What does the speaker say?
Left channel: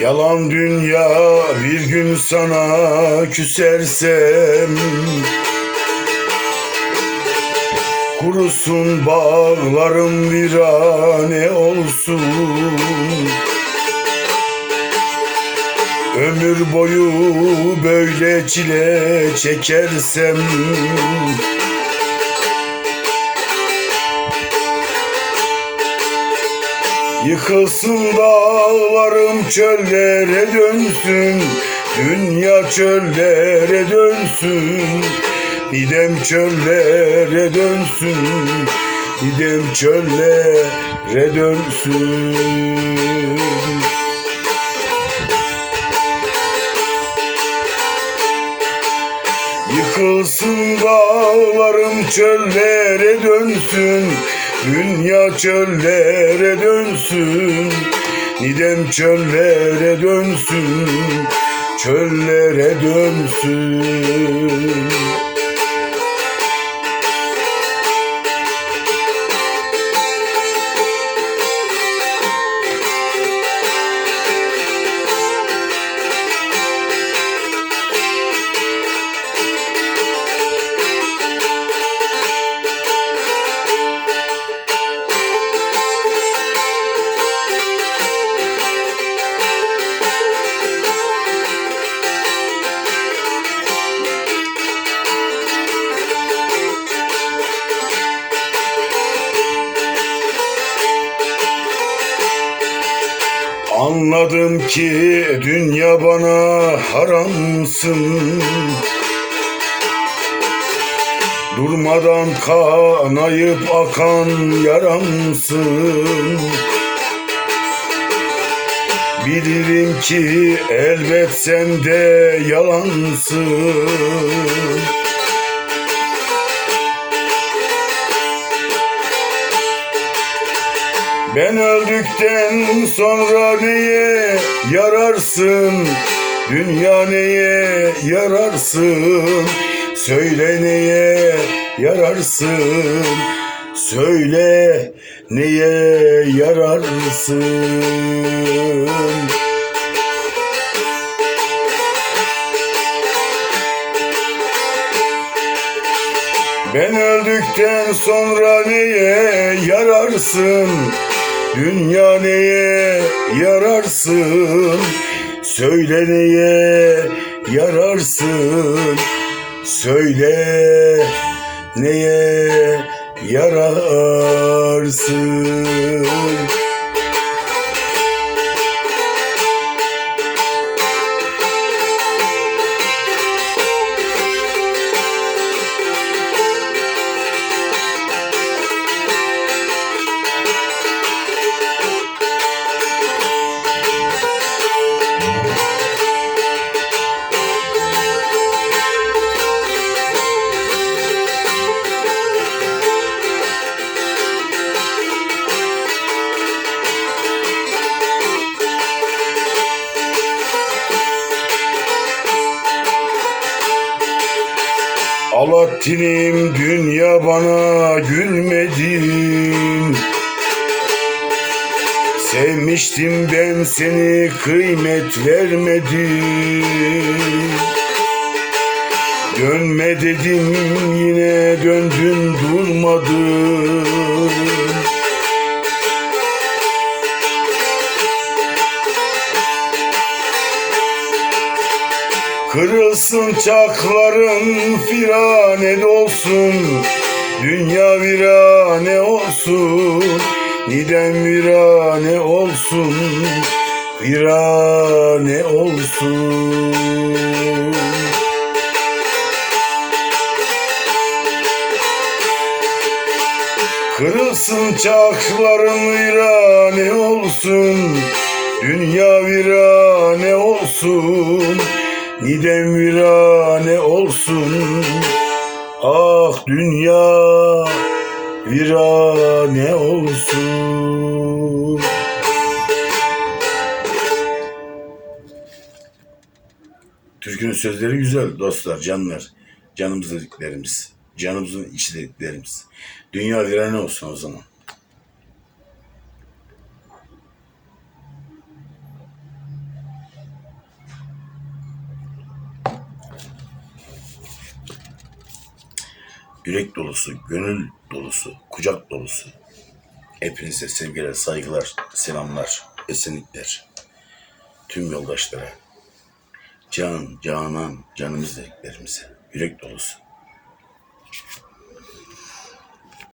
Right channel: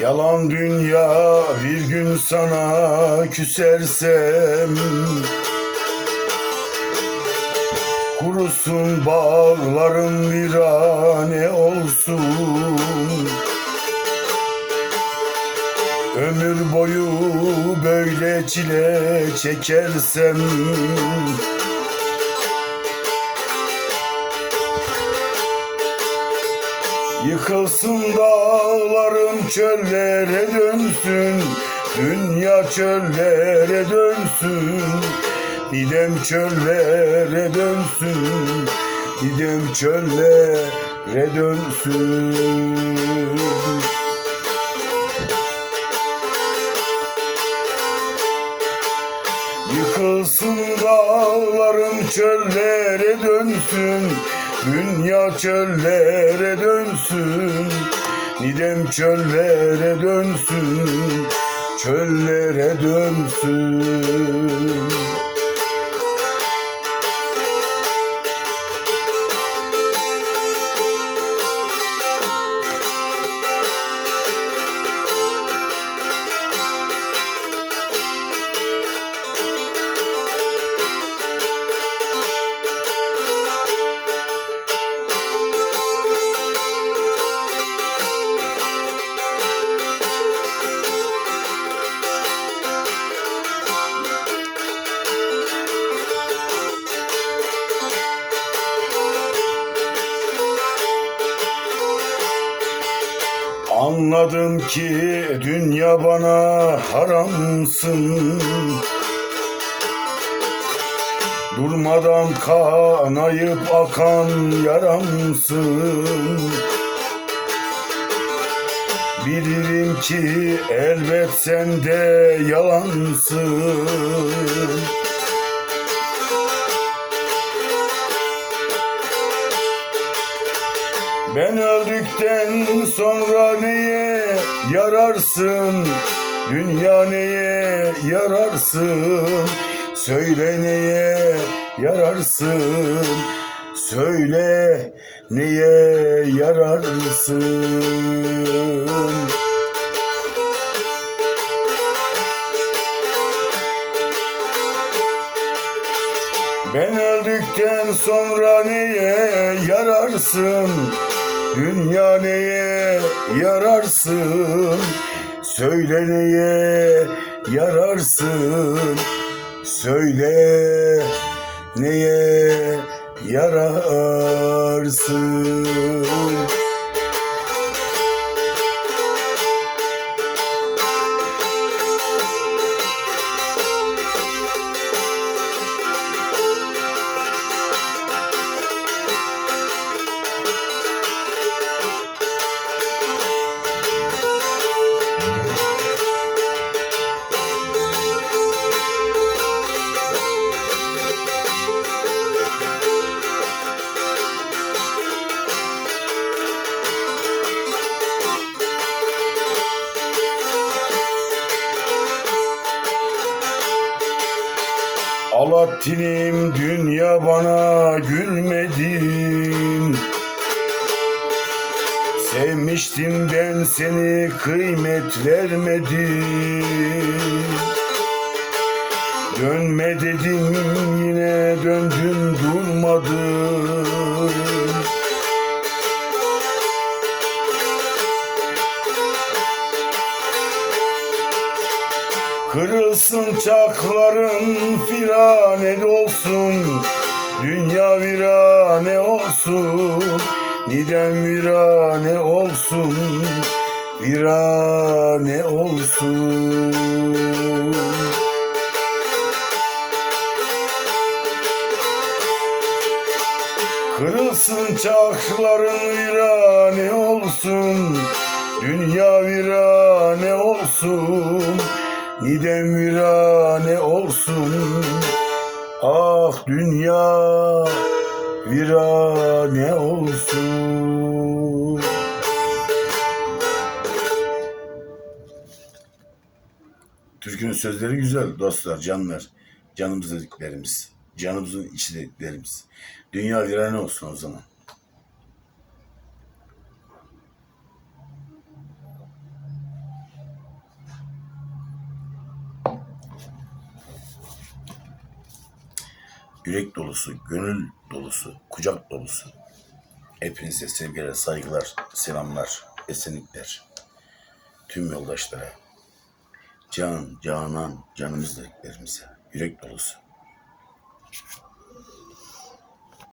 Yalan dünya bir gün sana küsersem. Kurusun bağlarım virane olsun. Ömür boyu böyle çile çekersem Yıkılsın dağlarım çöllere dönsün. Dünya çöllere dönsün. Didem çöllere dönsün. Didem çöllere dönsün. Yıkılsın dağlarım çöllere dönsün Dünya çöllere dönsün Nidem çöllere dönsün Çöllere dönsün Anladım ki dünya bana haramsın. Durmadan kanayıp akan yaramsın. Bilirim ki elbet sen de yalansın Ben öldükten sonra neye yararsın? Dünya neye yararsın? Söyle neye yararsın? Söyle neye yararsın? Ben öldükten sonra neye yararsın? Dünya neye yararsın? Söyle neye yararsın? Söyle neye yararsın? Alaaddin'im dünya bana gülmedin. Sevmiştim ben seni kıymet vermedim Dönme dedim yine döndün durmadın Kırılsın çakların firane olsun Dünya virane olsun Nidem virane olsun Virane olsun. Kırılsın çakların virane olsun. Dünya virane olsun Nidem virane olsun Ah dünya virane olsun Türkünün sözleri güzel dostlar, canlar. Canımız dediklerimiz. Canımızın içi dediklerimiz. Dünya virane olsun o zaman. Yürek dolusu, gönül dolusu, kucak dolusu. Hepinize sevgiler, saygılar, selamlar, esenlikler. Tüm yoldaşlara. Can, canan, canımız dediklerimize. Yürek dolusu.